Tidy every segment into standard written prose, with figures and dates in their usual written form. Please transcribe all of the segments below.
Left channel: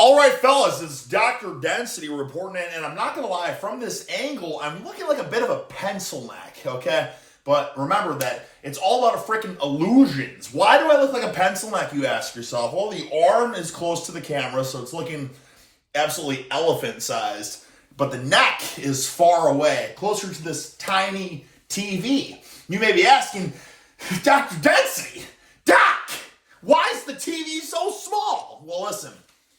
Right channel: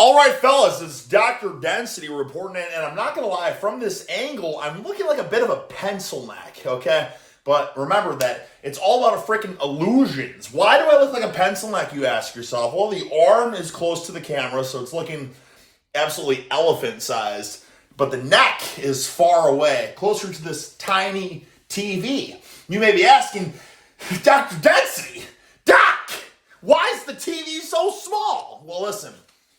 All right, fellas, it's Dr. Density reporting in, and I'm not going to lie, from this angle, I'm looking like a bit of a pencil neck, okay? But remember that it's all about a freaking illusions. Why do I look like a pencil neck, you ask yourself? Well, the arm is close to the camera, so it's looking absolutely elephant-sized, but the neck is far away, closer to this tiny TV. You may be asking, Dr. Density, Doc, why is the TV so small? Well, listen.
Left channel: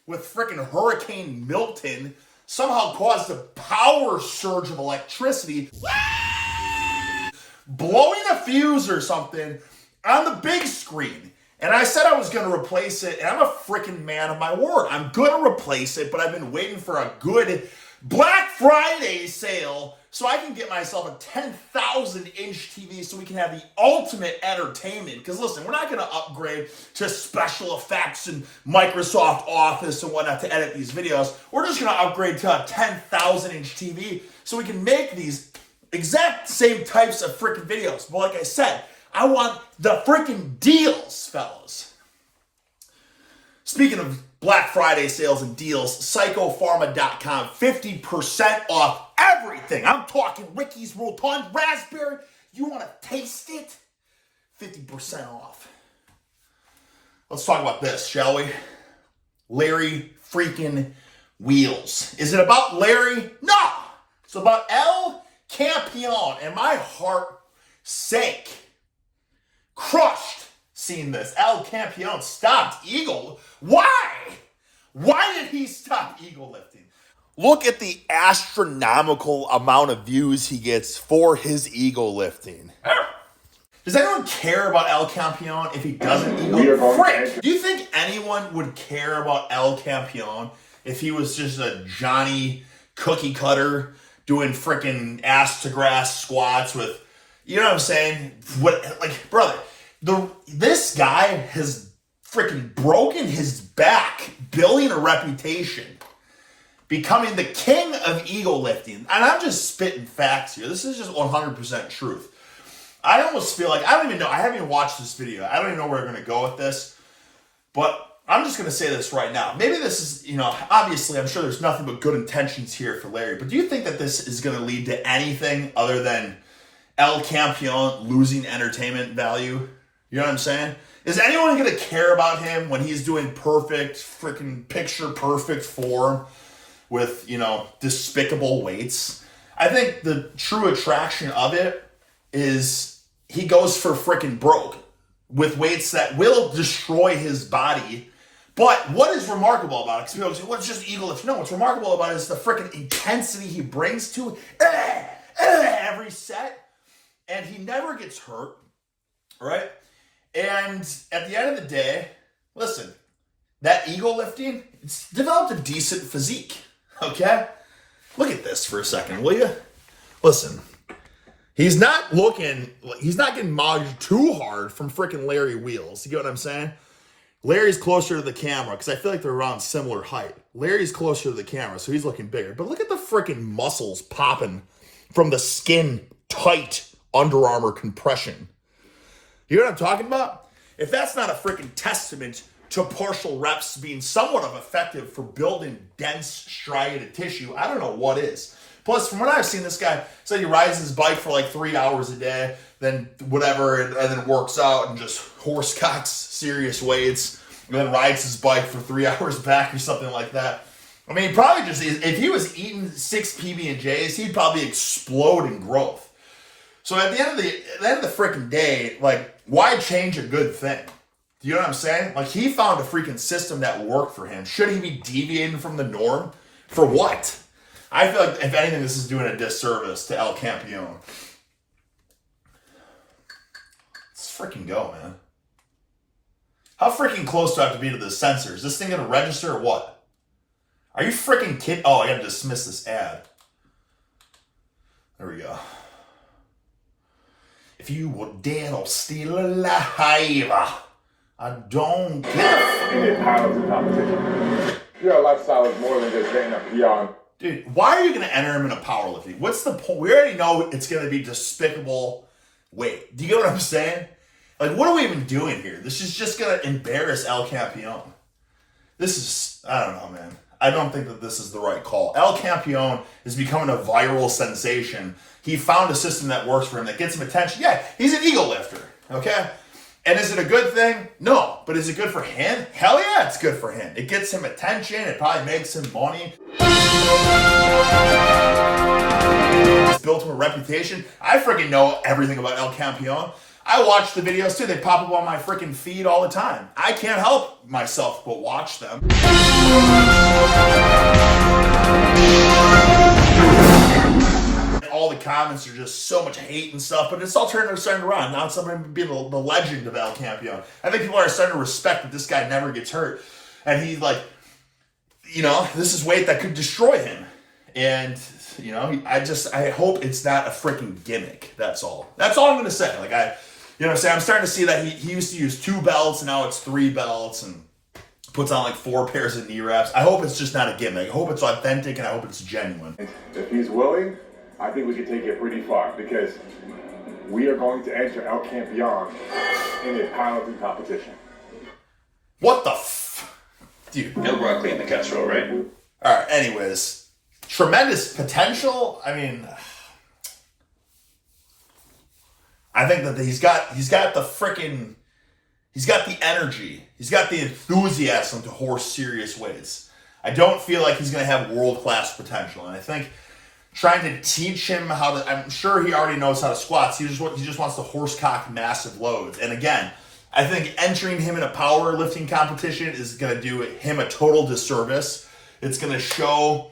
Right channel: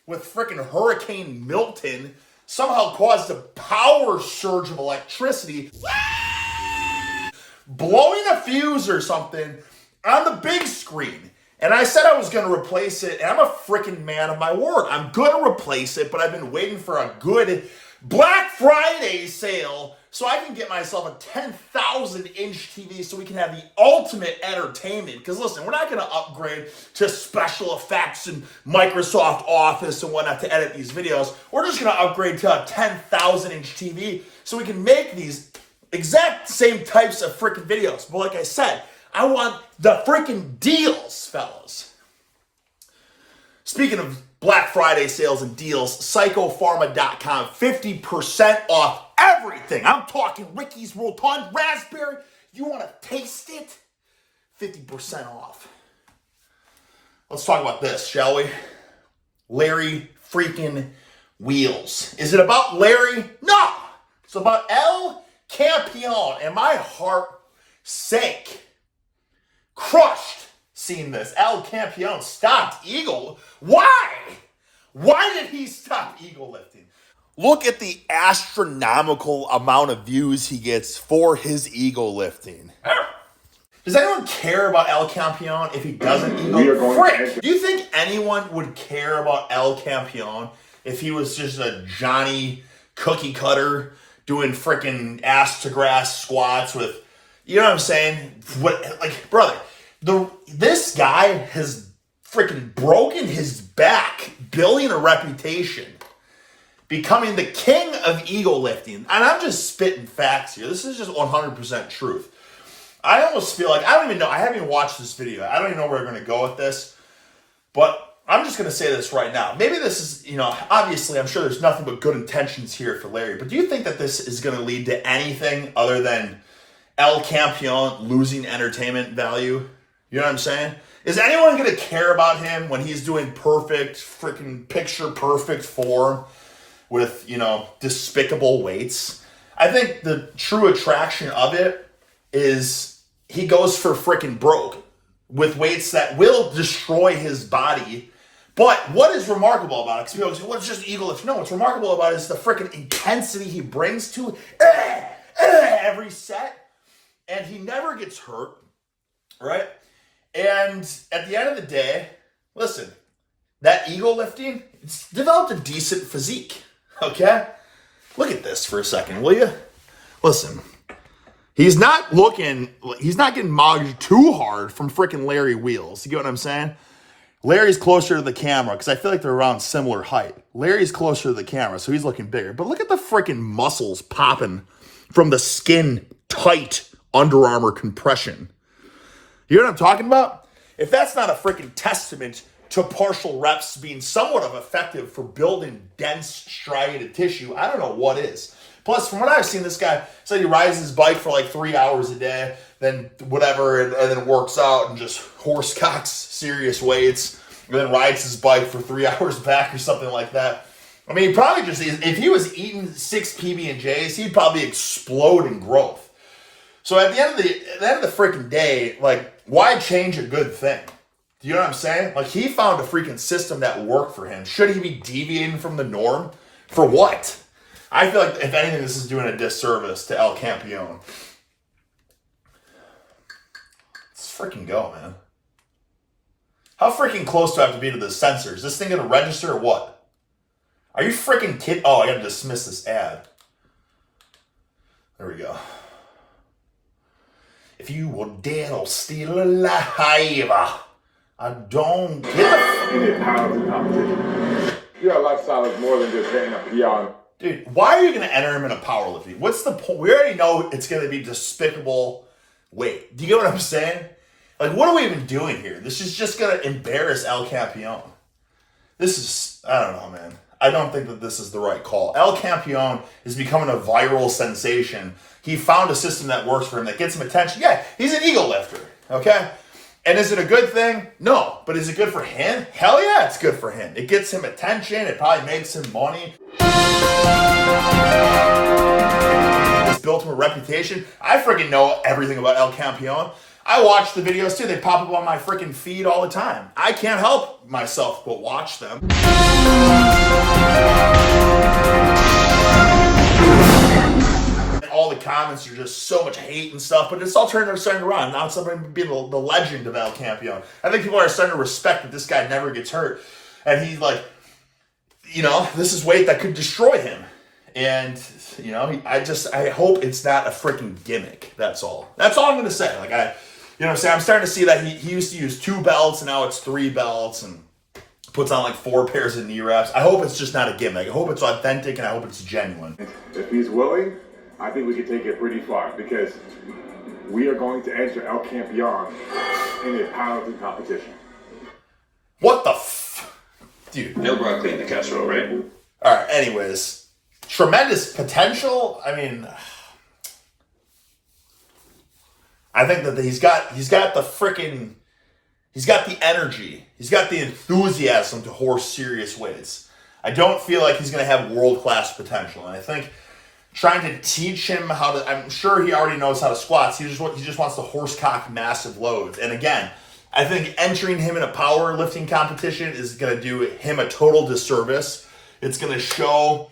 With frickin' Hurricane Milton somehow caused a power surge of electricity, blowing a fuse or something on the big screen. And I said I was going to replace it, and I'm a frickin' man of my word. I'm going to replace it, but I've been waiting for a good Black Friday sale so I can get myself a 10,000-inch TV so we can have the ultimate entertainment. Because listen, we're not going to upgrade to special effects and Microsoft Office and whatnot to edit these videos. We're just going to upgrade to a 10,000-inch TV so we can make these exact same types of freaking videos. But like I said, I want the freaking deals, fellas. Speaking of Black Friday sales and deals, psychopharma.com, 50% off everything. I'm talking Ricky's Rotund Raspberry. You want to taste it? 50% off. Let's talk about this, shall we? Larry freaking Wheels. Is it about Larry? No. It's about El Campeon. And my heart sank. Crushed seeing this. El Campeon stopped eagle. Why? Why did he stop eagle lifting? Look at the astronomical amount of views he gets for his eagle lifting. Does anyone care about El Campeon if he doesn't eagle? Frick! Do you think anyone would care about El Campeon if he was just a Johnny cookie cutter doing freaking ass to grass squats with, you know what I'm saying? Brother, this guy has freaking broken his back building a reputation, becoming the king of eagle lifting. And I'm just spitting facts here. This is just 100% truth. I almost feel like, I don't even know, I haven't even watched this video. I don't even know where we're going to go with this. But I'm just going to say this right now. Maybe this is, obviously I'm sure there's nothing but good intentions here for Larry. But do you think that this is going to lead to anything other than El Campeon losing entertainment value? You know what I'm saying? Is anyone going to care about him when he's doing perfect, freaking picture-perfect form with, despicable weights? I think the true attraction of it is he goes for freaking broke with weights that will destroy his body. But what is remarkable about it? Because people say, well, it's just eagle lift. No, what's remarkable about it is the freaking intensity he brings to every set. And he never gets hurt, right? And at the end of the day, listen, that eagle lifting, it's developed a decent physique, okay? Look at this for a second, will you? Listen, he's not getting mogged too hard from freaking Larry Wheels. You get what I'm saying? Larry's closer to the camera because I feel like they're around similar height. Larry's closer to the camera, so he's looking bigger. But look at the freaking muscles popping from the skin tight Under Armour compression. You know what I'm talking about? If that's not a freaking testament to partial reps being somewhat of effective for building dense striated tissue, I don't know what is. Plus, from what I've seen, this guy said he rides his bike for like 3 hours a day, then whatever, and then works out and just horse cocks serious weights, and then rides his bike for 3 hours back or something like that. I mean, he probably just, if he was eating 6 PB&Js, he'd probably explode in growth. So at the end of the freaking day, like, why change a good thing? Do you know what I'm saying? Like, he found a freaking system that worked for him. Should he be deviating from the norm? For what? I feel like, if anything, this is doing a disservice to El Campeon. Let's freaking go, man. How freaking close do I have to be to the sensors? Is this thing going to register or what? Are you freaking kidding? Oh, I got to dismiss this ad. There we go. If you were dead or still alive, I don't care. Your lifestyle is more than just hitting a peon. Dude, why are you going to enter him in a powerlifting? What's the point? We already know it's going to be despicable weight. Do you get what I'm saying? Like, what are we even doing here? This is just going to embarrass El Campeon. This is, I don't know, man. I don't think that this is the right call. El Campeon is becoming a viral sensation. He found a system that works for him, that gets him attention. Yeah, he's an eagle lifter, okay? And is it a good thing? No. But is it good for him? Hell yeah, it's good for him. It gets him attention. It probably makes him money. It's built him a reputation. I freaking know everything about El Campeon. I watch the videos too. They pop up on my freaking feed all the time. I can't help myself but watch them. All the comments are just so much hate and stuff, but it's all starting to run. Now it's something being the legend of El Campeon. I think people are starting to respect that this guy never gets hurt. And he, like, you know, this is weight that could destroy him. And, you know, I hope it's not a freaking gimmick. That's all. That's all I'm going to say. Like, you know what I'm saying? I'm starting to see that he used to use 2 belts, and now it's 3 belts, and puts on like 4 pairs of knee wraps. I hope it's just not a gimmick. I hope it's authentic, and I hope it's genuine. If he's willing, I think we can take it pretty far, because we are going to enter El Campeon in a powerlifting competition. What the dude? No broccoli in the casserole, right? All right, anyways. Tremendous potential. I mean, I think that he's got the energy. He's got the enthusiasm to horse serious weights. I don't feel like he's going to have world-class potential. And I think trying to teach him how to, I'm sure he already knows how to squat. He just wants to horsecock massive loads. And again, I think entering him in a powerlifting competition is going to do him a total disservice. It's going to show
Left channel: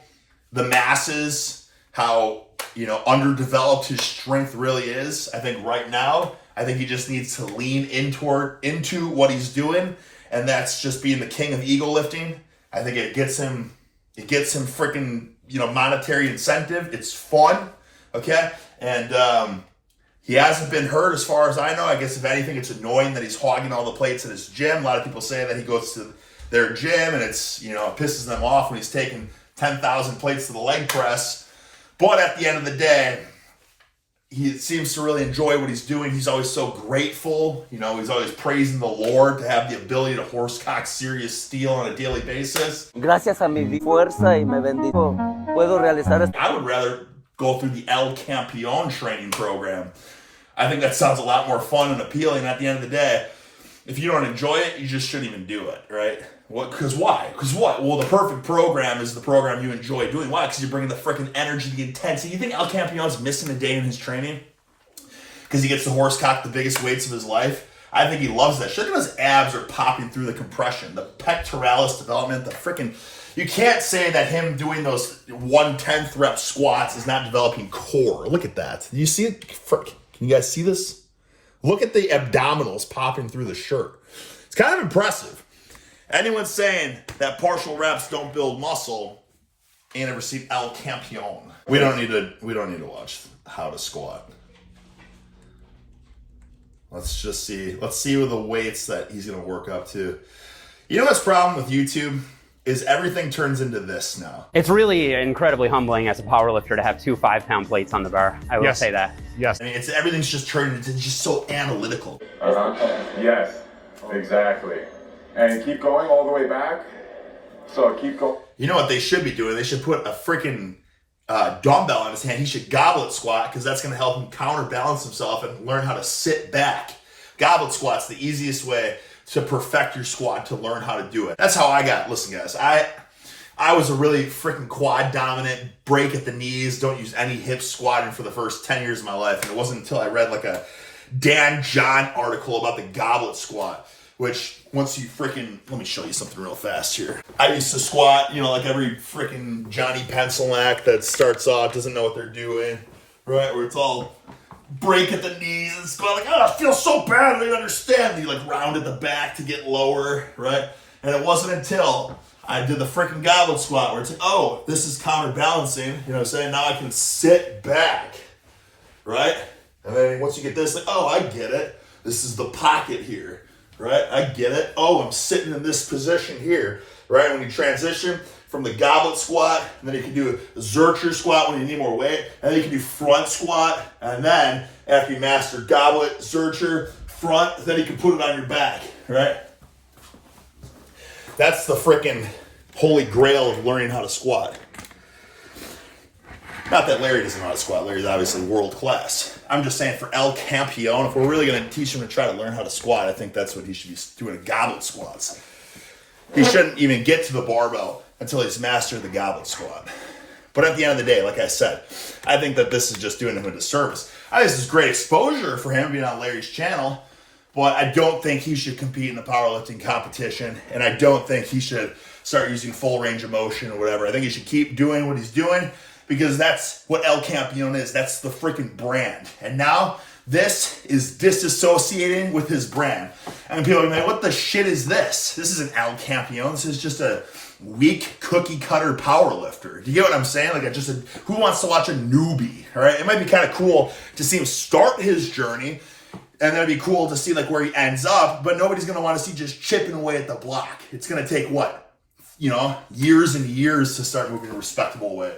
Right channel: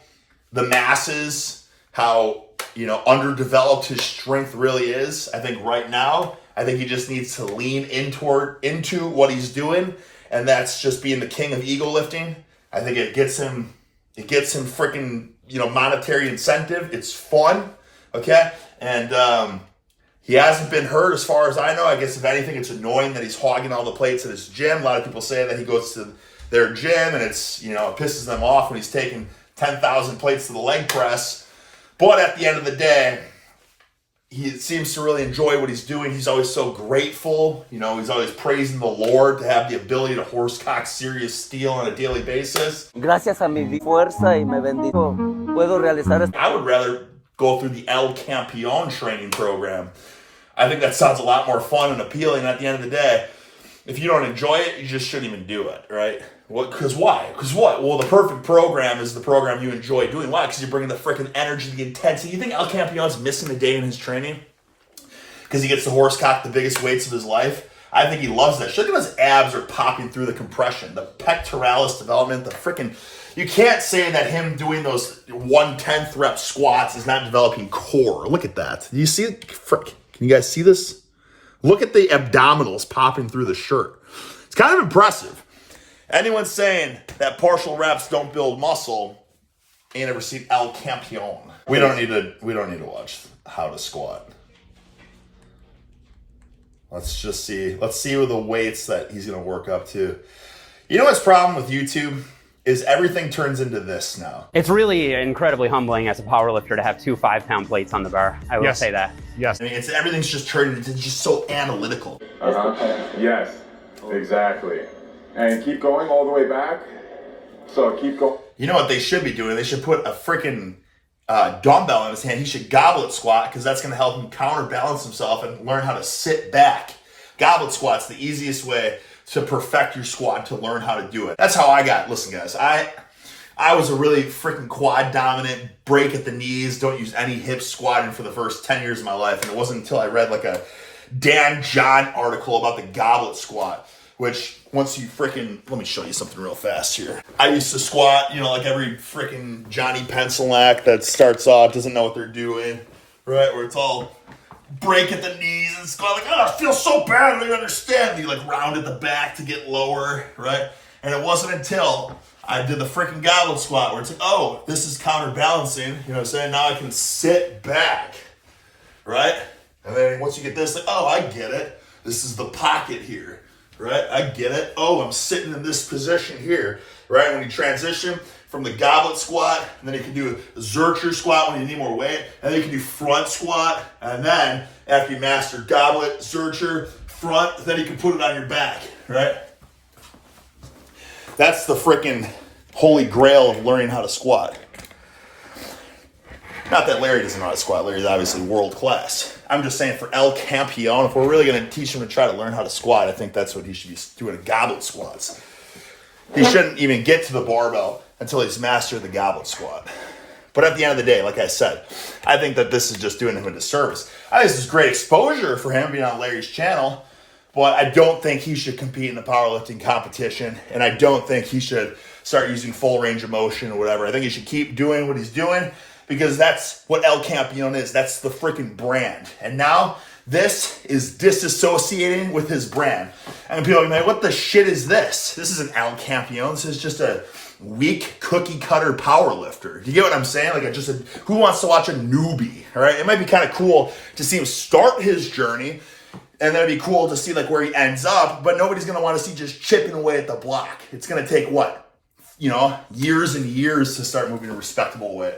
the masses how, you know, underdeveloped his strength really is. I think right now, he just needs to lean into what he's doing, and that's just being the king of eagle lifting. I think it gets him freaking, you know, monetary incentive. It's fun, okay? And he hasn't been hurt as far as I know. I guess if anything, it's annoying that he's hogging all the plates at his gym. A lot of people say that he goes to their gym and it's, you know, it pisses them off when he's taking 10,000 plates to the leg press. But at the end of the day, he seems to really enjoy what he's doing. He's always so grateful. You know, he's always praising the Lord to have the ability to horsecock serious steel on a daily basis. Gracias a mi fuerza y me bendijo, puedo realizar esto. I would rather go through the El Campeon training program. I think that sounds a lot more fun and appealing. At the end of the day, if you don't enjoy it, you just shouldn't even do it, right? Because why? Because what? Well, the perfect program is the program you enjoy doing. Why? Because you're bringing the freaking energy, the intensity. You think El Campeon's missing a day in his training? Because he gets to horsecock the biggest weights of his life? I think he loves that. Look at his abs are popping through the compression, the pectoralis development, the freaking... You can't say that him doing those 1/10 rep squats is not developing core. Look at that. Do you see it? Frick. Can you guys see this? Look at the abdominals popping through the shirt. It's kind of impressive. Anyone saying that partial reps don't build muscle ain't ever seen El Campeon. We don't need to watch how to squat. Let's see with the weights that he's gonna work up to. You know what's problem with YouTube? Is everything turns into this now. It's really incredibly humbling as a powerlifter to have 2 5-pound plates on the bar. I will say that. Yes. I mean, everything's just turned into just so analytical. Yes, exactly. And keep going all the way back. So keep going. You know what they should be doing? They should put a freaking dumbbell in his hand. He should goblet squat, because that's going to help him counterbalance himself and learn how to sit back. Goblet squat's the easiest way to perfect your squat, to learn how to do it. That's how I got. Listen, guys, I was a really freaking quad dominant, break at the knees, don't use any hips squatting for the first 10 years of my life. And it wasn't until I read like a Dan John article about the goblet squat, which once you freaking, let me show you something real fast here. I used to squat, you know, like every freaking Johnny Pencilnack that starts off, doesn't know what they're doing, right? Where it's all break at the knees and squat, like, oh, I feel so bad, I don't even understand. And you like round at the back to get lower, right? And it wasn't until I did the freaking goblet squat where it's like, oh, this is counterbalancing, you know what I'm saying? Now I can sit back, right? And then once you get this, like, oh, I get it. This is the pocket here, right? I get it. Oh, I'm sitting in this position here, right? When you transition from the goblet squat, and then you can do a Zercher squat when you need more weight, and then you can do front squat, and then after you master goblet, Zercher, front, then you can put it on your back, right? That's the freaking holy grail of learning how to squat. Not that Larry doesn't know how to squat. Larry's obviously world class. I'm just saying for El Campeon, if we're really going to teach him to try to learn how to squat, I think that's what he should be doing, goblet squats. He shouldn't even get to the barbell until he's mastered the goblet squat. But at the end of the day, like I said, I think that this is just doing him a disservice. I think this is great exposure for him being on Larry's channel, but I don't think he should compete in a powerlifting competition, and I don't think he should start using full range of motion or whatever. I think he should keep doing what he's doing, because that's what El Campeon is. That's the freaking brand. And now this is disassociating with his brand. And people are like, what the shit is this? This isn't El Campeon. This is just a weak cookie cutter power lifter. You get what I'm saying? Like who wants to watch a newbie? All right. It might be kind of cool to see him start his journey, and then it'd be cool to see like where he ends up, but nobody's going to want to see just chipping away at the block. It's going to take what? Years and years to start moving a respectable weight.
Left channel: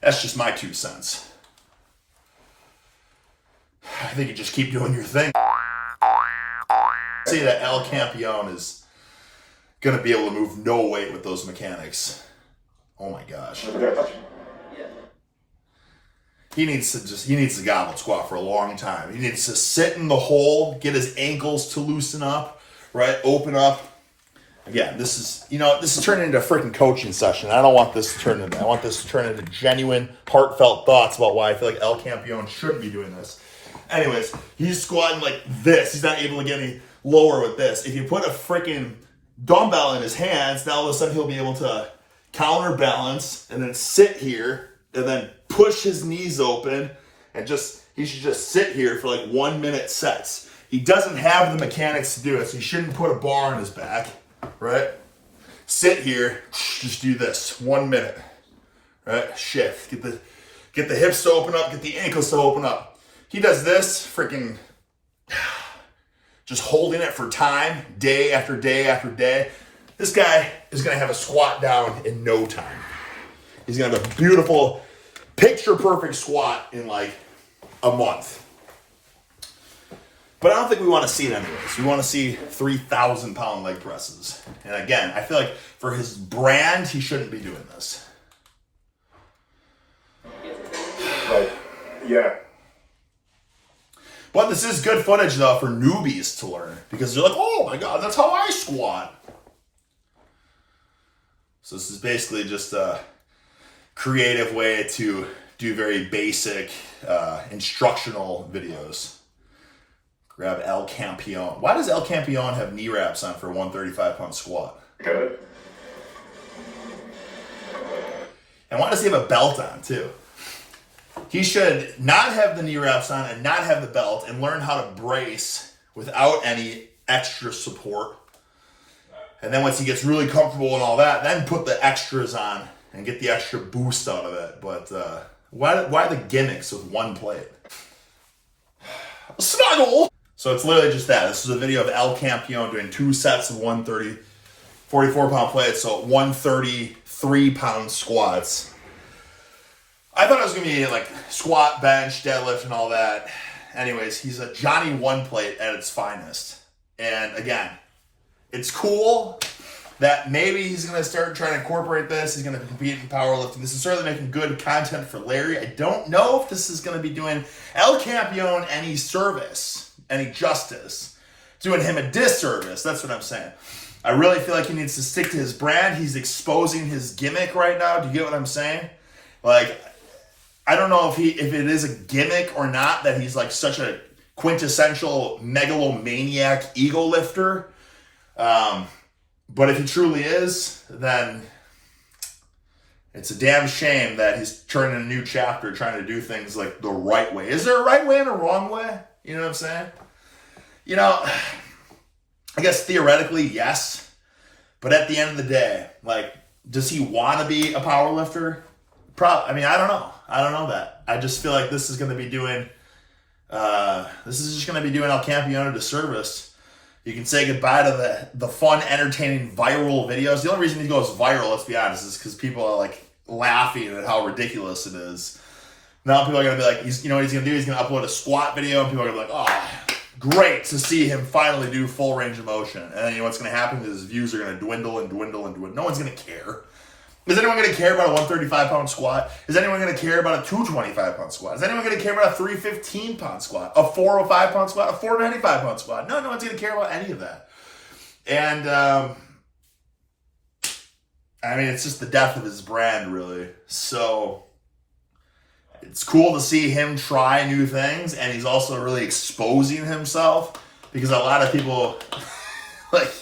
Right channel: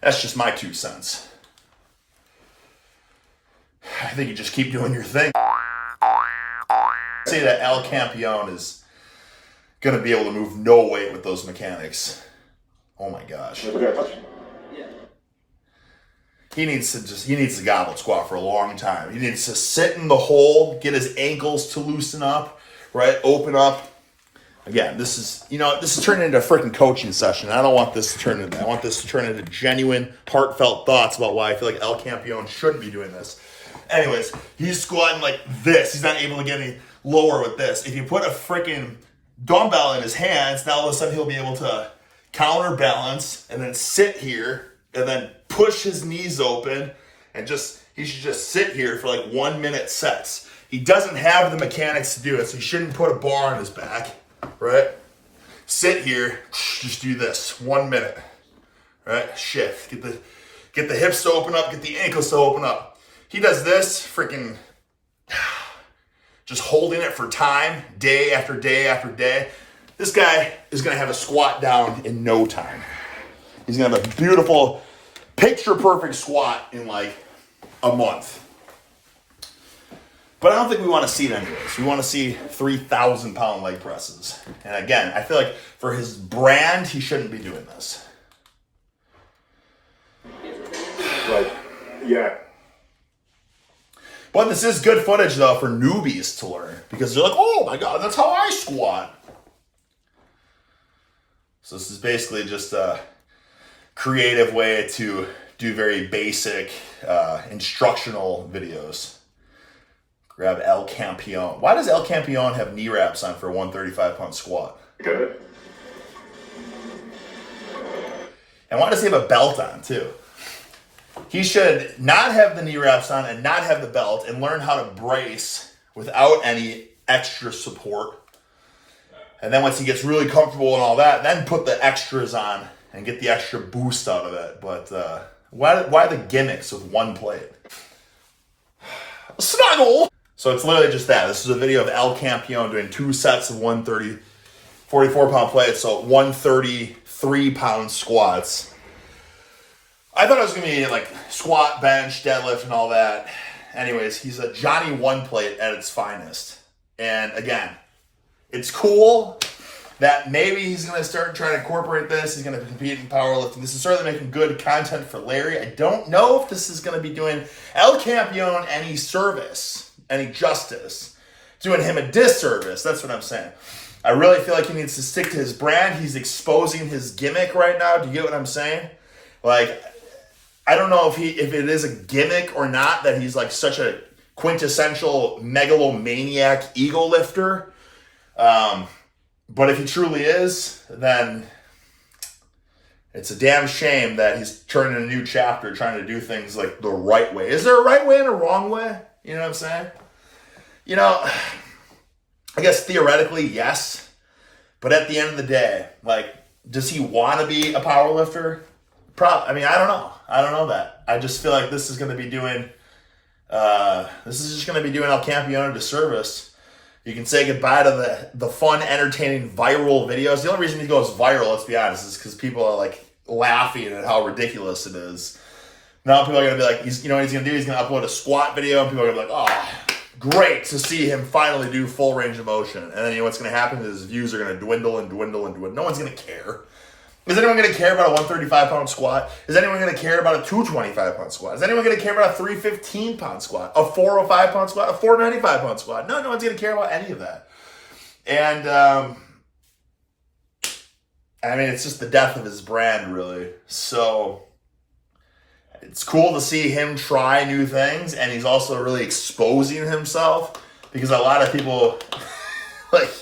That's just my 2 cents. I think you just keep doing your thing. Say that El Campeon is going to be able to move no weight with those mechanics. Oh my gosh. He needs to goblet squat for a long time. He needs to sit in the hole, get his ankles to loosen up, right? Open up. Again, this is turning into a freaking coaching session. I don't want this to turn into that. I want this to turn into genuine, heartfelt thoughts about why I feel like El Campeon shouldn't be doing this. Anyways, he's squatting like this. He's not able to get any lower with this. If you put a freaking dumbbell in his hands, now all of a sudden he'll be able to counterbalance and then sit here and then push his knees open and he should just sit here for like 1 minute sets. He doesn't have the mechanics to do it, so he shouldn't put a bar on his back. Right? Sit here, just do this 1 minute. Right? Shift. Get the hips to open up, get the ankles to open up. He does this freaking just holding it for time, day after day after day. This guy is going to have a squat down in no time. He's going to have a beautiful, picture perfect squat in like a month. But I don't think we want to see it anyways. We want to see 3,000 pound leg presses. And again, I feel like for his brand, he shouldn't be doing this. Like, yeah. But this is good footage though for newbies to learn, because they're like, oh my God, that's how I squat. So this is basically just a creative way to do very basic instructional videos. Grab El Campeon. Why does El Campeon have knee wraps on for a 135-pound squat? Good. And why does he have a belt on, too? He should not have the knee wraps on and not have the belt and learn how to brace without any extra support. And then once he gets really comfortable and all that, then put the extras on and get the extra boost out of it. But why the gimmicks with one plate? Snuggle! So it's literally just that. This is a video of El Campeon doing 2 sets of 44-pound plates, so 133-pound squats. I thought it was going to be like squat, bench, deadlift, and all that. Anyways, he's a Johnny One Plate at its finest. And again, it's cool that maybe he's going to start trying to incorporate this. He's going to compete in powerlifting. This is certainly making good content for Larry. I don't know if this is going to be doing El Campeon any service, any justice, doing him a disservice. That's what I'm saying. I really feel like he needs to stick to his brand. He's exposing his gimmick right now. Do you get what I'm saying? Like, I don't know if it is a gimmick or not that he's like such a quintessential megalomaniac ego lifter. But if he truly is, then it's a damn shame that he's turning a new chapter trying to do things like the right way. Is there a right way and a wrong way? You know what I'm saying? I guess theoretically, yes. But at the end of the day, like, does he want to be a power lifter? I mean, I don't know. I don't know that. I just feel like this is going to be doing El Campeon a disservice. You can say goodbye to the fun, entertaining, viral videos. The only reason he goes viral, let's be honest, is because people are like laughing at how ridiculous it is. Now people are going to be like, what he's going to do? He's going to upload a squat video, and people are going to be like, oh, great to see him finally do full range of motion. And then you know what's going to happen is his views are going to dwindle and dwindle and dwindle. No one's going to care. Is anyone going to care about a 135-pound squat? Is anyone going to care about a 225-pound squat? Is anyone going to care about a 315-pound squat, a 405-pound squat, a 495-pound squat? No one's going to care about any of that. And, I mean, it's just the death of his brand, really. So, it's cool to see him try new things, and he's also really exposing himself, because a lot of people, like,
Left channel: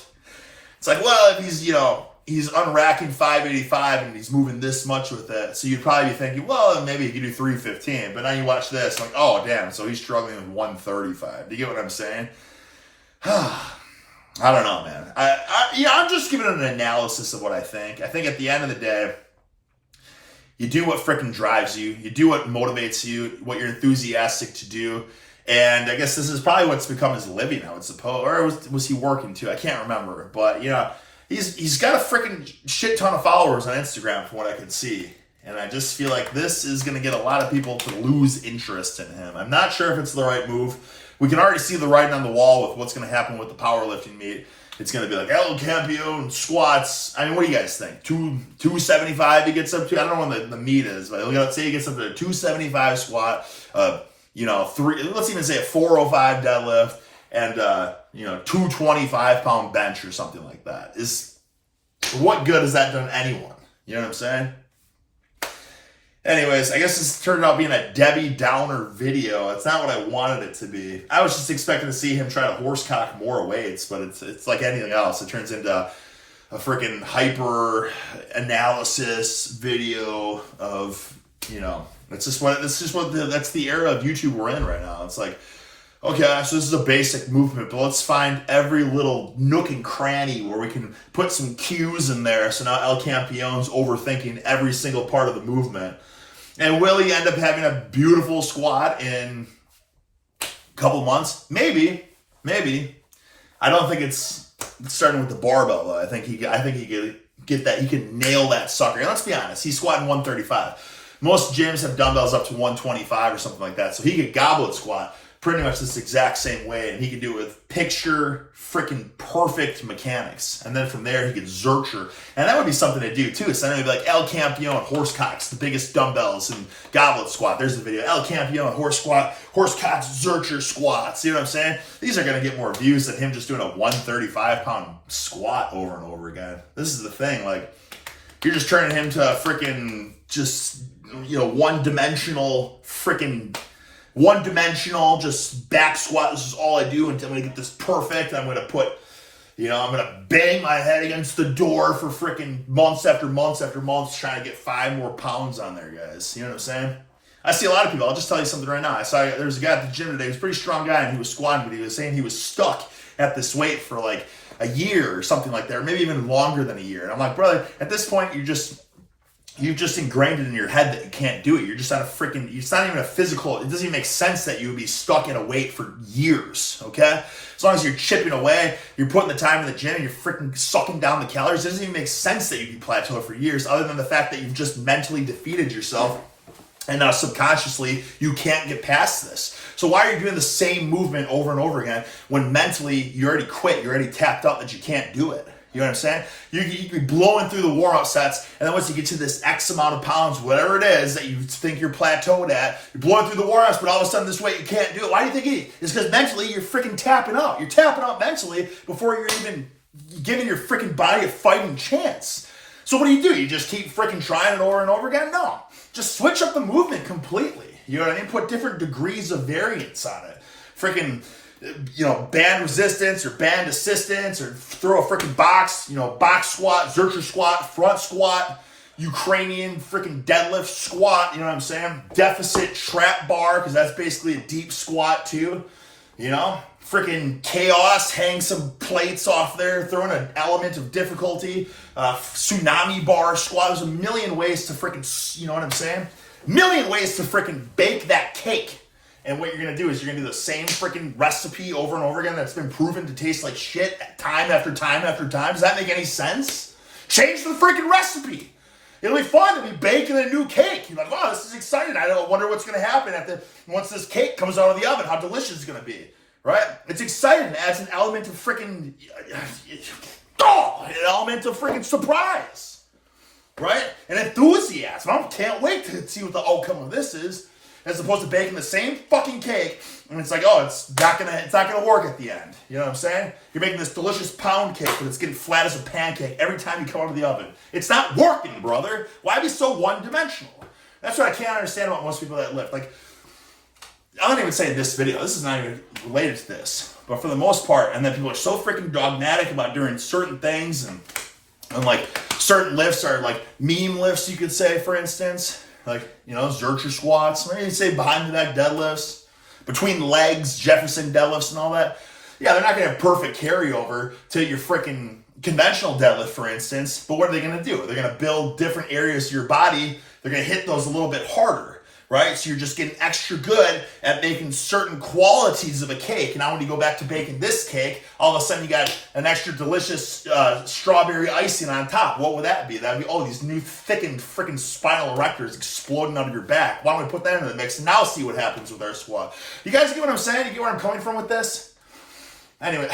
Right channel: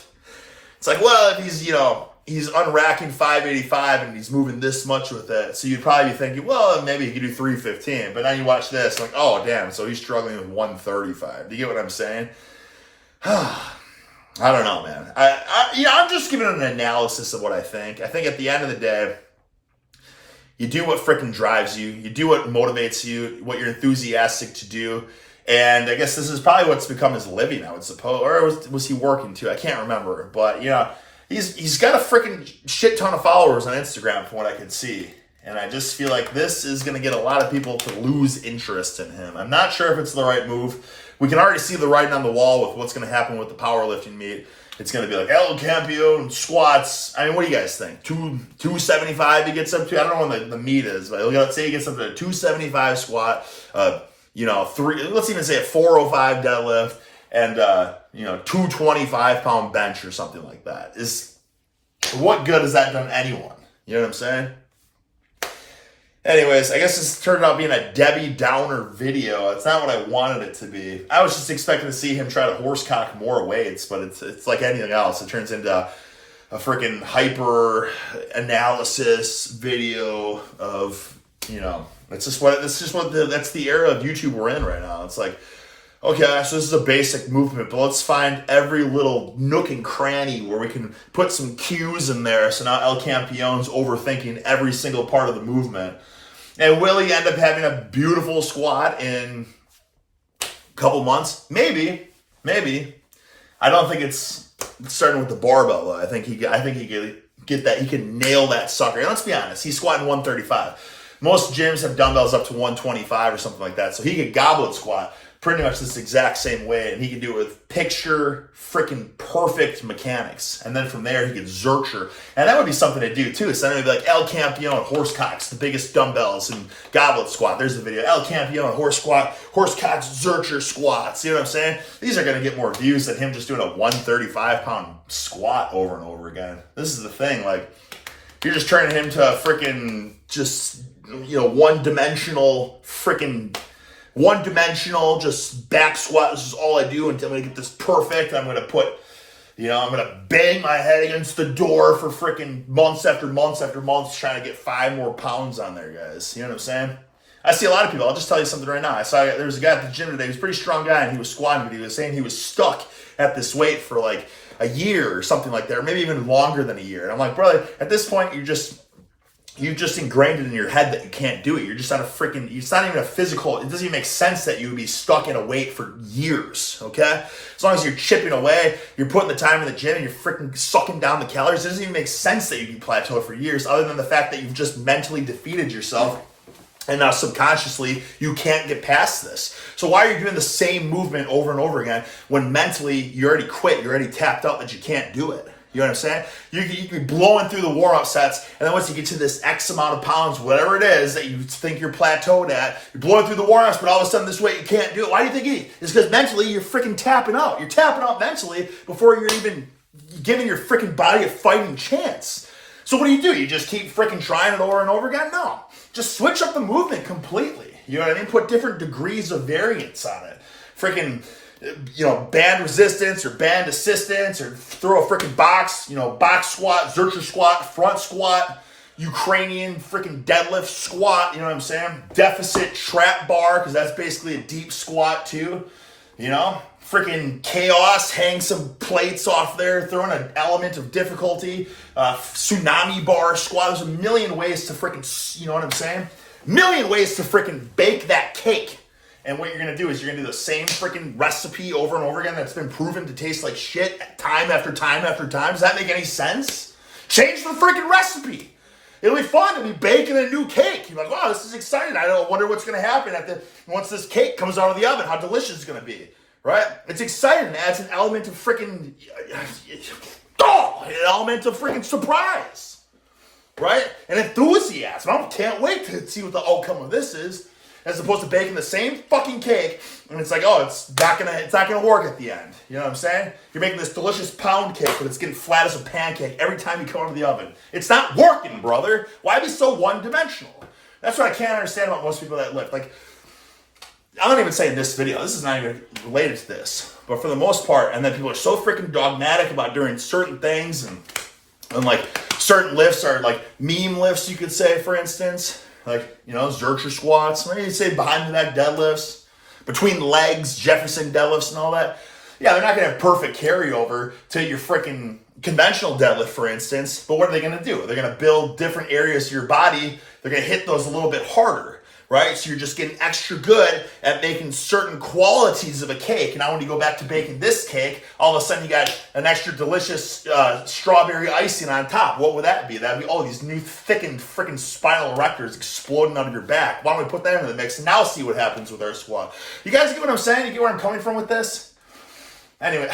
it's like, well, if he's, you know, he's unracking 585 and he's moving this much with it. So you'd probably be thinking, well, maybe he could do 315. But now you watch this, like, oh, damn, so he's struggling with 135. Do you get what I'm saying? I don't know, man. I'm just giving an analysis of what I think. I think at the end of the day, you do what freaking drives you. You do what motivates you, what you're enthusiastic to do. And I guess this is probably what's become his living, I would suppose. Or was he working too? I can't remember. But, you know, he's got a freaking shit ton of followers on Instagram from what I can see. And I just feel like this is going to get a lot of people to lose interest in him. I'm not sure if it's the right move. We can already see the writing on the wall with what's going to happen with the powerlifting meet. It's going to be like El Campeon squats. I mean, what do you guys think? 275 he gets up to? I don't know what the meet is, but let's say he gets up to a 275 squat, let's even say a 405 deadlift, and 225 pound bench or something like that. What good has that done anyone? You know what I'm saying? Anyways, I guess this turned out being a Debbie Downer video. It's not what I wanted it to be. I was just expecting to see him try to horsecock more weights, but it's like anything else. It turns into a freaking hyper analysis video of, that's the era of YouTube we're in right now. It's like, okay, so this is a basic movement, but let's find every little nook and cranny where we can put some cues in there. So now El Campion's overthinking every single part of the movement. And will he end up having a beautiful squat in a couple months? Maybe. I don't think it's starting with the barbell though. I think he could get that. He can nail that sucker. And let's be honest, he's squatting 135. Most gyms have dumbbells up to 125 or something like that. So he could goblet squat pretty much this exact same way, and he could do it with picture freaking perfect mechanics. And then from there, he could zercher. And that would be something to do too. So then it'd be like El Campeon horsecocks, the biggest dumbbells, and goblet squat. There's the video. El Campeon horsecocks zercher squats. You know what I'm saying? These are going to get more views than him just doing a 135-pound squat over and over again. This is the thing. Like, you're just turning him to a freaking just, one-dimensional, just back squat. This is all I do until I'm going to get this perfect. I'm going to bang my head against the door for freaking months after months after months trying to get 5 more pounds on there, guys. You know what I'm saying? I see a lot of people. I'll just tell you something right now. I saw there was a guy at the gym today. He was a pretty strong guy, and he was squatting, but he was saying he was stuck at this weight for like a year or something like that, or maybe even longer than a year. And I'm like, brother, at this point, you've just ingrained it in your head that you can't do it. You're just not it's not even a physical, it doesn't even make sense that you would be stuck in a weight for years, okay? As long as you're chipping away, you're putting the time in the gym, you're freaking sucking down the calories, it doesn't even make sense that you'd be plateaued for years, other than the fact that you've just mentally defeated yourself, and now subconsciously, you can't get past this. So why are you doing the same movement over and over again when mentally you already quit, you're already tapped out that you can't do it? You know what I'm saying? You can be blowing through the warm-up sets, and then once you get to this X amount of pounds, whatever it is that you think you're plateaued at, you're blowing through the warm-ups, but all of a sudden this weight you can't do it. Why do you think it's because mentally you're freaking tapping out. You're tapping out mentally before you're even giving your freaking body a fighting chance. So what do? You just keep freaking trying it over and over again? No. Just switch up the movement completely. You know what I mean? Put different degrees of variance on it. Freaking, band resistance or band assistance, or throw a freaking box, box squat, zercher squat, front squat, Ukrainian freaking deadlift squat, you know what I'm saying? Deficit trap bar, because that's basically a deep squat too, Freaking chaos, hang some plates off there, throw in an element of difficulty, tsunami bar squat. There's a million ways to freaking, you know what I'm saying? Million ways to freaking bake that cake. And what you're going to do is you're going to do the same freaking recipe over and over again that's been proven to taste like shit time after time after time. Does that make any sense? Change the freaking recipe. It'll be fun. It'll be baking a new cake. You're like, wow, this is exciting. I don't wonder what's going to happen once this cake comes out of the oven, how delicious it's going to be. right? It's exciting. It adds an element of freaking, an element of freaking surprise, right? And enthusiasm. I can't wait to see what the outcome of this is, as opposed to baking the same fucking cake, and it's like, oh, it's not gonna work at the end. You know what I'm saying? You're making this delicious pound cake, but it's getting flat as a pancake every time you come out of the oven. It's not working, brother. Why be so one-dimensional? That's what I can't understand about most people that lift. Like, I'm not even saying this video. This is not even related to this. But for the most part, and then people are so freaking dogmatic about doing certain things, and like certain lifts are like meme lifts, you could say, for instance. Like, you know, Zercher squats, maybe you say behind the neck deadlifts, between legs, Jefferson deadlifts and all that. Yeah, they're not going to have perfect carryover to your freaking conventional deadlift, for instance. But what are they going to do? They're going to build different areas of your body. They're going to hit those a little bit harder, right? So you're just getting extra good at making certain qualities of a cake. And now when you go back to baking this cake, all of a sudden you got an extra delicious strawberry icing on top. What would that be? That'd be, oh, these new thickened freaking spinal erectors exploding out of your back. Why don't we put that into the mix and now see what happens with our squat? You guys get what I'm saying? You get where I'm coming from with this? Anyway,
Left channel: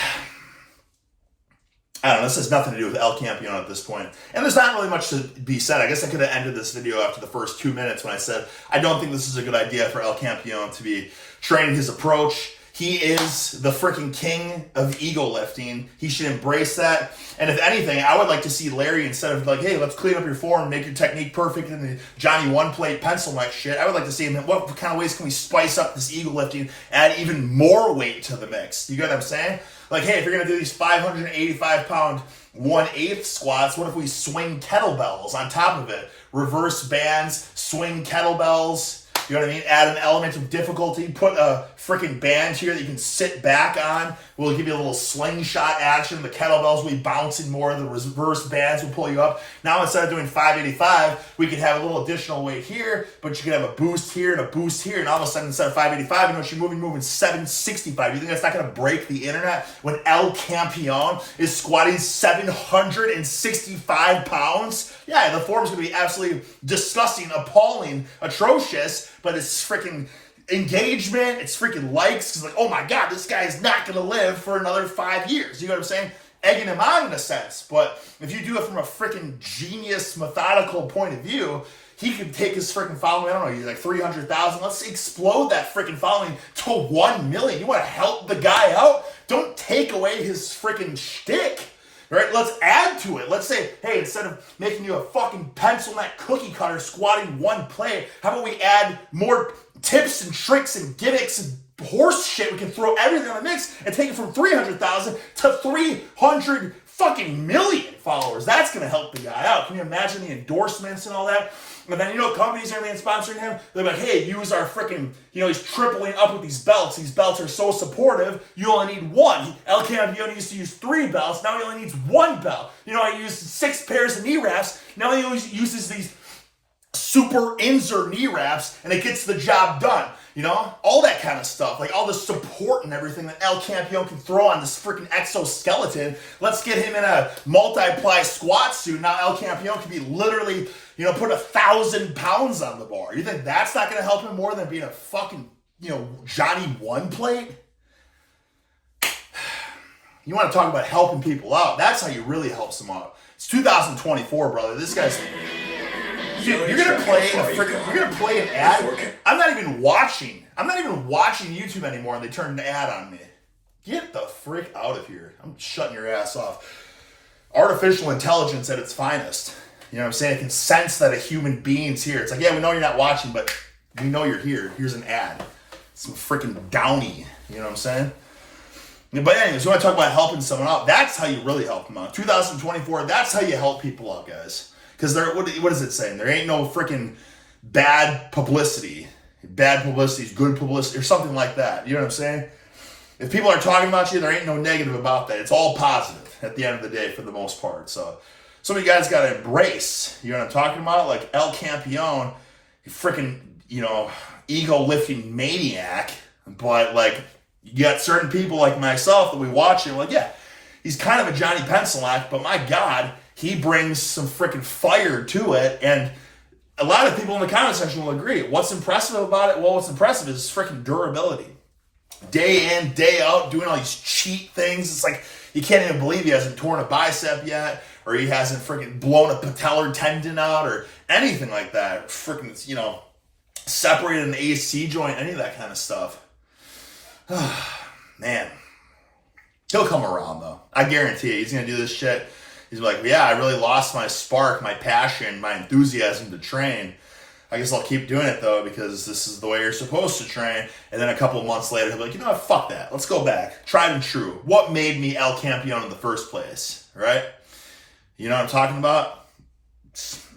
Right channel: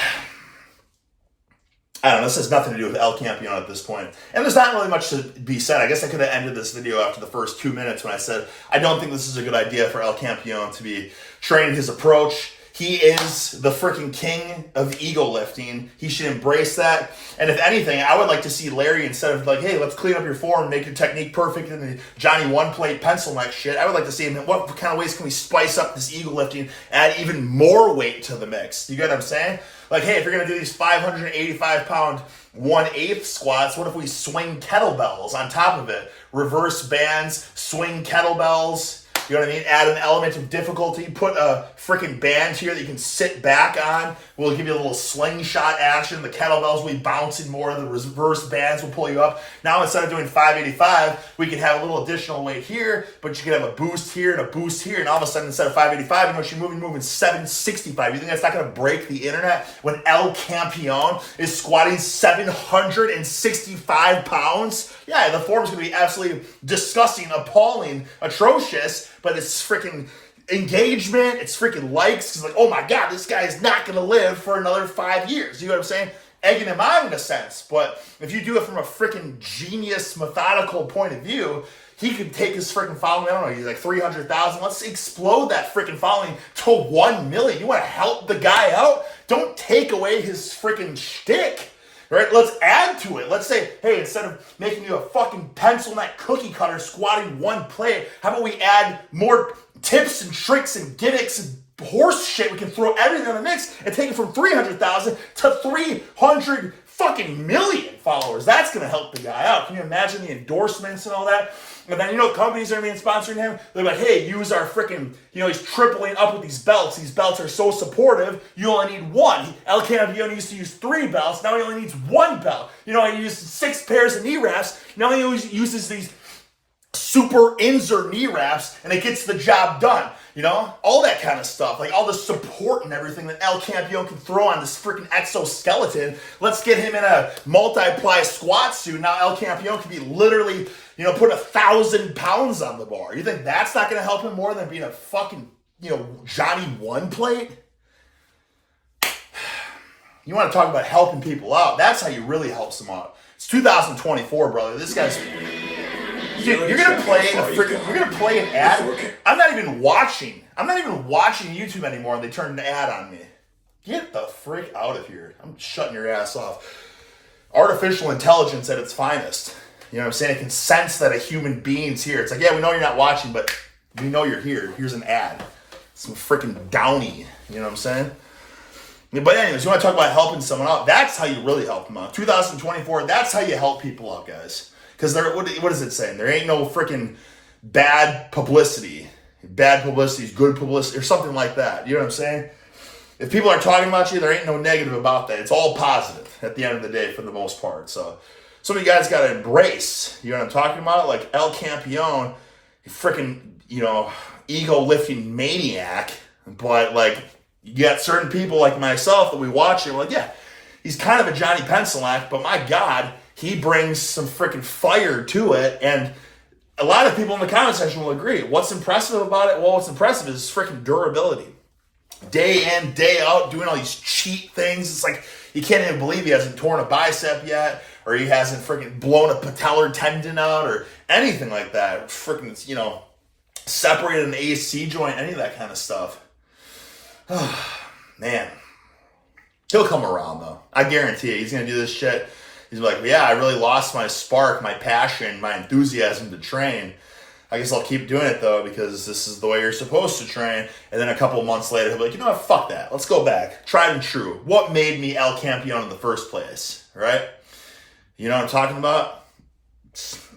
I don't know, this has nothing to do with El Campeon at this point. And there's not really much to be said. I guess I could have ended this video after the first 2 minutes when I said, I don't think this is a good idea for El Campeon to be training his approach. He is the freaking king of ego lifting. He should embrace that. And if anything, I would like to see Larry, instead of like, hey, let's clean up your form, make your technique perfect, and the Johnny one-plate pencil neck shit, I would like to see him, what kind of ways can we spice up this ego lifting, add even more weight to the mix? You get what I'm saying? Like, hey, if you're going to do these 585-pound 1/8 squats, what if we swing kettlebells on top of it? Reverse bands, swing kettlebells. You know what I mean? Add an element of difficulty. Put a freaking band here that you can sit back on. We'll give you a little slingshot action. The kettlebells will be bouncing more. The reverse bands will pull you up. Now, instead of doing 585, we can have a little additional weight here, but you can have a boost here and a boost here. And all of a sudden, instead of 585, you know, you're moving 765. You think that's not going to break the internet when El Campeon is squatting 765 pounds? Yeah, the form is going to be absolutely disgusting, appalling, atrocious, but it's freaking engagement, it's freaking likes. It's like, oh my God, this guy is not going to live for another 5 years. You know what I'm saying? Egging him on in a sense. But if you do it from a freaking genius, methodical point of view, he could take his freaking following, I don't know, like 300,000. Let's explode that freaking following to 1 million. You want to help the guy out? Don't take away his freaking shtick. Right? Let's add to it. Let's say, hey, instead of making you a fucking pencil neck cookie cutter squatting one plate, how about we add more tips and tricks and gimmicks and horse shit? We can throw everything in the mix and take it from 300,000 to 300 fucking million followers. That's going to help the guy out. Can you imagine the endorsements and all that? And then, you know, companies are going to be sponsoring him. They're like, hey, use our freaking, you know, he's tripling up with these belts. These belts are so supportive, you only need one. El Campeon used to use 3 belts. Now he only needs 1 belt. You know, he used 6 pairs of knee wraps. Now he only uses these super Inzer knee wraps, and it gets the job done. You know, all that kind of stuff, like all the support and everything that El Campeon can throw on this freaking exoskeleton. Let's get him in a multiply squat suit. Now El Campeon can be literally, you know, put 1,000 pounds on the bar. You think that's not going to help him more than being a fucking, you know, Johnny one plate? You want to talk about helping people out? That's how you really help them out. It's 2024, brother. This guy's. You're gonna play an ad. I'm not even watching YouTube anymore, and they turn an ad on me. Get the frick out of here! I'm shutting your ass off. Artificial intelligence at its finest. You know what I'm saying? It can sense that a human being's here. It's like, yeah, we know you're not watching, but we know you're here. Here's an ad. Some freaking downy. You know what I'm saying? But anyways, you want to talk about helping someone out? That's how you really help them out. 2024. That's how you help people out, guys. Because what is it saying? There ain't no freaking bad publicity. Bad publicity is good publicity or something like that. You know what I'm saying? If people are talking about you, there ain't no negative about that. It's all positive at the end of the day for the most part. So some of you guys got to embrace, you know what I'm talking about? Like El Campeon, freaking, you know, ego lifting maniac. But like, you got certain people like myself that we watch and we're like, yeah, he's kind of a Johnny Pencil-act, but my God, he brings some freaking fire to it, and a lot of people in the comment section will agree. What's impressive about it? Well, what's impressive is freaking durability. day in, day out, doing all these cheat things. It's like, you can't even believe he hasn't torn a bicep yet, or he hasn't freaking blown a patellar tendon out, or anything like that. Freaking, you know, separated an AC joint, any of that kind of stuff. Man. He'll come around, though. I guarantee you. He's going to do this shit. He's like, yeah, I really lost my spark, my passion, my enthusiasm to train. I guess I'll keep doing it, though, because this is the way you're supposed to train. And then a couple of months later, he'll be like, you know what, fuck that. Let's go back. Tried and true. What made me El Campeon in the first place, right? You know what I'm talking about?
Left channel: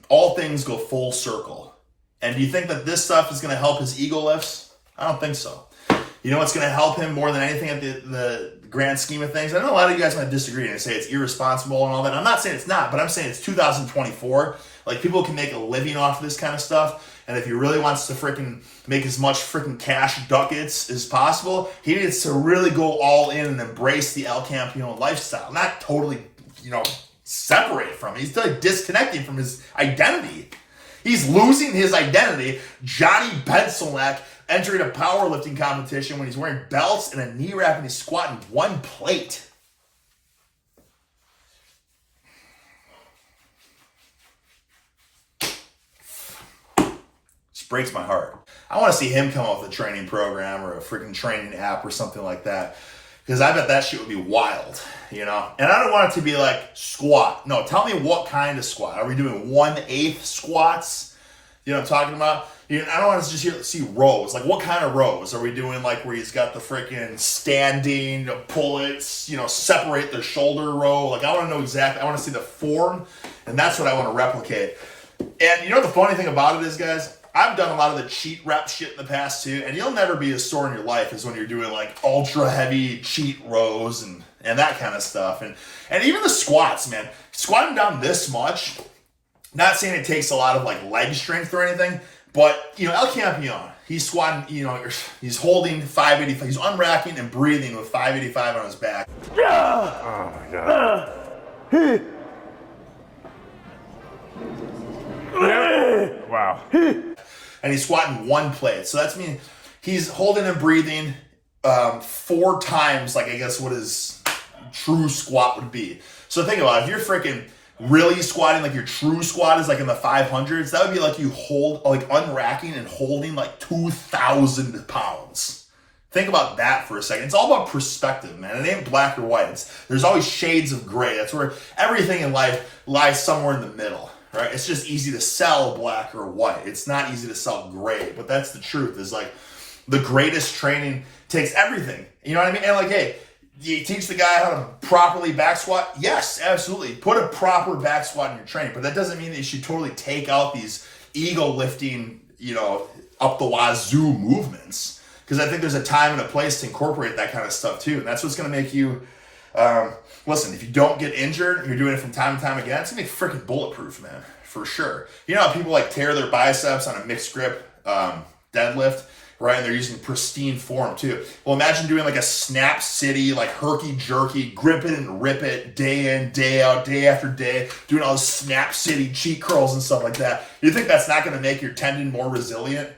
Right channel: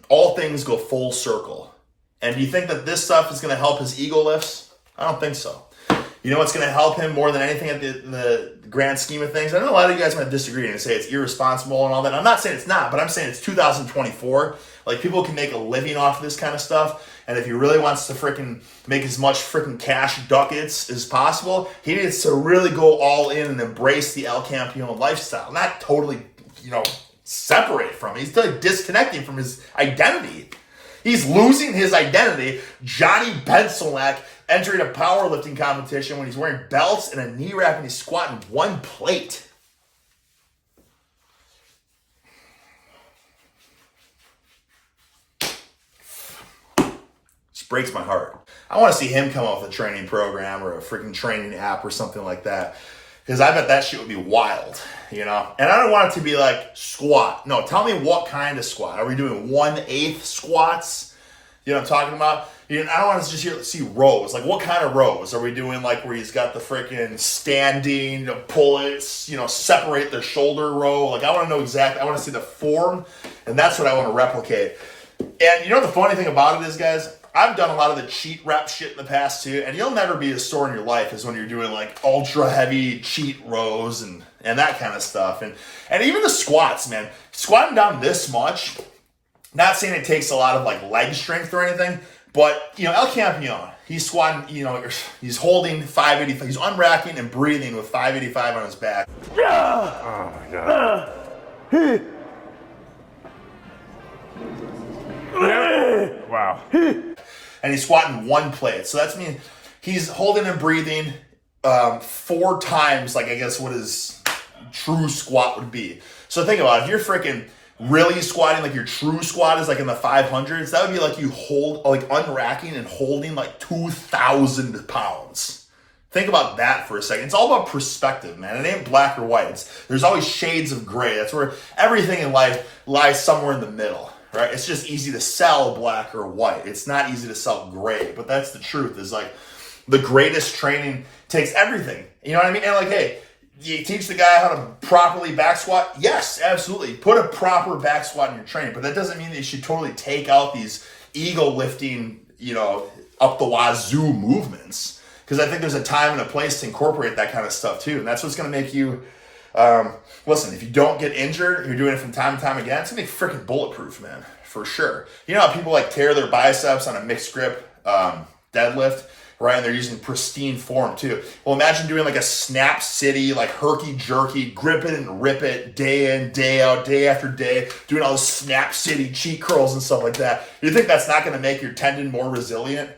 All things go full circle. And do you think that this stuff is going to help his ego lifts? I don't think so. You know what's going to help him more than anything at the grand scheme of things? I know a lot of you guys might disagree and say it's irresponsible and all that. I'm not saying it's not, but I'm saying it's 2024. Like, people can make a living off of this kind of stuff. And if he really wants to freaking make as much freaking cash ducats as possible, he needs to really go all in and embrace the El Campeon lifestyle. Not totally, you know, separate from it. He's like disconnecting from his identity. He's losing his identity. Johnny Benselak entering a powerlifting competition when he's wearing belts and a knee wrap and he's squatting one plate. Just breaks my heart. I want to see him come up with a training program or a freaking training app or something like that. Because I bet that shit would be wild, you know? And I don't want it to be like squat. No, tell me what kind of squat. Are we doing 1/8 squats? You know what I'm talking about? I don't want to just see rows. Like, what kind of rows? Are we doing like where he's got the freaking standing, you know, pull it, you know, separate the shoulder row? Like, I want to know exactly. I want to see the form, and that's what I want to replicate. And you know the funny thing about it is, guys, I've done a lot of the cheat rep shit in the past too, and you'll never be as sore in your life as when you're doing like ultra heavy cheat rows and that kind of stuff. And even the squats, man. Squatting down this much, not saying it takes a lot of like leg strength or anything, but, you know, El Campeon, he's squatting, you know, he's holding 585. He's unracking and breathing with 585 on his back. Oh, my God. Wow. And he's squatting one plate. So that's mean he's holding and breathing 4 times, like, I guess, what his true squat would be. So think about it. If you're freaking really squatting, like your true squat is like in the 500s, that would be like you hold, like unracking and holding like 2,000 pounds. Think about that for a second. It's all about perspective, man. It ain't black or white. There's always shades of gray. That's where everything in life lies somewhere in the middle, right? It's just easy to sell black or white. It's not easy to sell gray, but that's the truth. Is like the greatest training takes everything. You know what I mean? And like, hey, do you teach the guy how to properly back squat? Yes, absolutely. Put a proper back squat in your training, but that doesn't mean that you should totally take out these ego lifting, you know, up the wazoo movements. Because I think there's a time and a place to incorporate that kind of stuff too. And that's what's going to make you, listen, if you don't get injured, you're doing it from time to time again, it's going to be freaking bulletproof, man, for sure. You know how people like tear their biceps on a mixed grip deadlift? Right, and they're using pristine form too. Well, imagine doing like a snap city, like herky-jerky, grip it and rip it, day in, day out, day after day, doing all this snap city cheat curls and stuff like that. You think that's not going to make your tendon more resilient?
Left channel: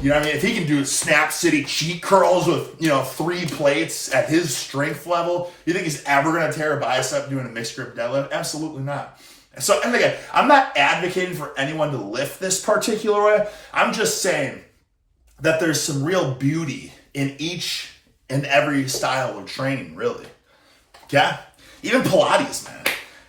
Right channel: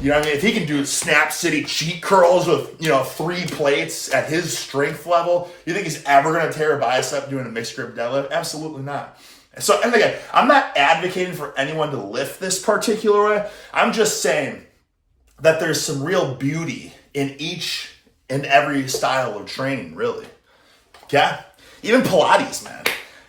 You know what I mean? If he can do snap city cheat curls with, you know, 3 plates at his strength level, you think he's ever going to tear a bicep doing a mixed grip deadlift? Absolutely not. So, and again, I'm not advocating for anyone to lift this particular way. I'm just saying that there's some real beauty in each and every style of training, really. Yeah? Even Pilates, man.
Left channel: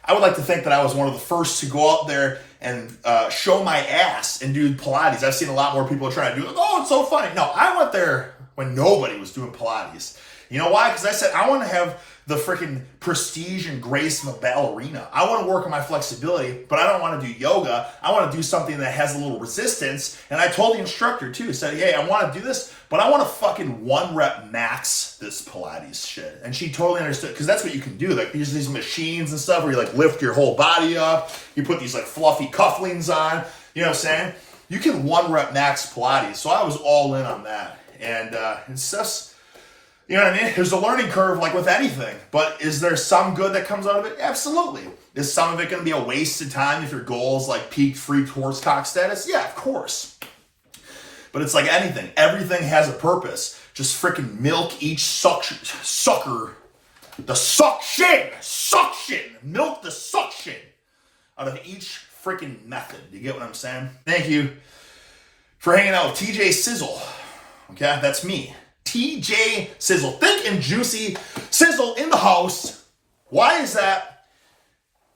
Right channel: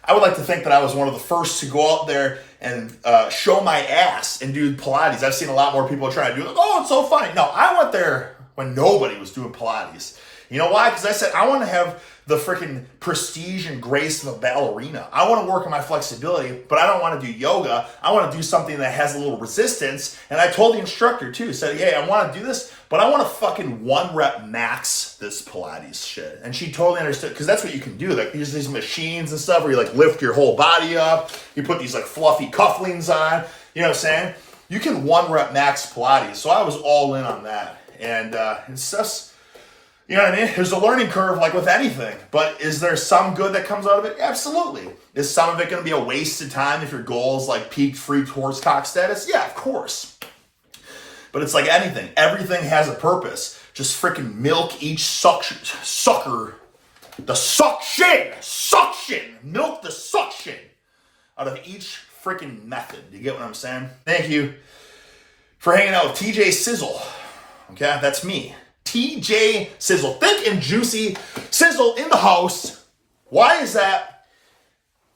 I would like to think that I was one of the first to go out there and show my ass and do Pilates. I've seen a lot more people try to do it. Oh, it's so fun. No, I went there when nobody was doing Pilates. You know why? Because I said I want to have the freaking prestige and grace of a ballerina. I want to work on my flexibility, but I don't want to do yoga. I want to do something that has a little resistance. And I told the instructor too, said, hey, I want to do this, but I want to fucking 1 rep max this Pilates shit. And she totally understood, because that's what you can do. Like, there's these machines and stuff where you like lift your whole body up. You put these like fluffy cufflinks on. You know what I'm saying? You can 1 rep max Pilates. So I was all in on that. And it's just, you know what I mean? There's a learning curve like with anything, but is there some good that comes out of it? Absolutely. Is some of it going to be a waste of time if your goal is like peak free horsecock status? Yeah, of course. But it's like anything. Everything has a purpose. just freaking milk each sucker. The suction, milk the suction out of each freaking method. You get what I'm saying? Thank you for hanging out with TJ Sizzle. Okay, that's me. TJ Sizzle, thick and juicy sizzle in the house. Why is that?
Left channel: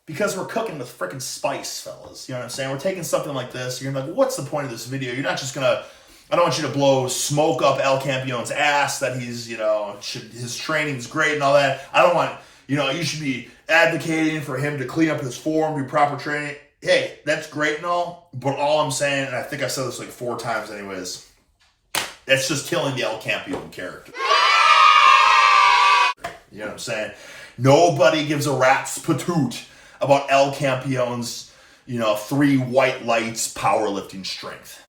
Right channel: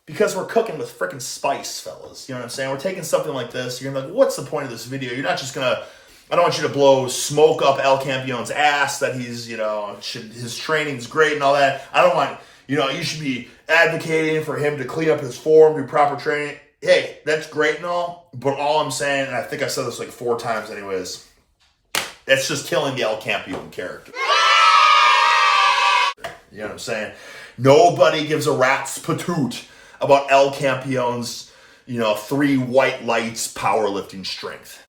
Because we're cooking with freaking spice, fellas. You know what I'm saying? We're taking something like this. You're gonna be like, what's the point of this video? You're not just gonna, I don't want you to blow smoke up El Campion's ass that he's, his training's great and all that. I don't want, you should be advocating for him to clean up his form, do proper training. Hey, that's great and all, but all I'm saying, and I think I've said this like 4 times anyways, that's just killing the El Campeon character. You know what I'm saying? Nobody gives a rat's patoot about El Campion's, 3 white lights powerlifting strength.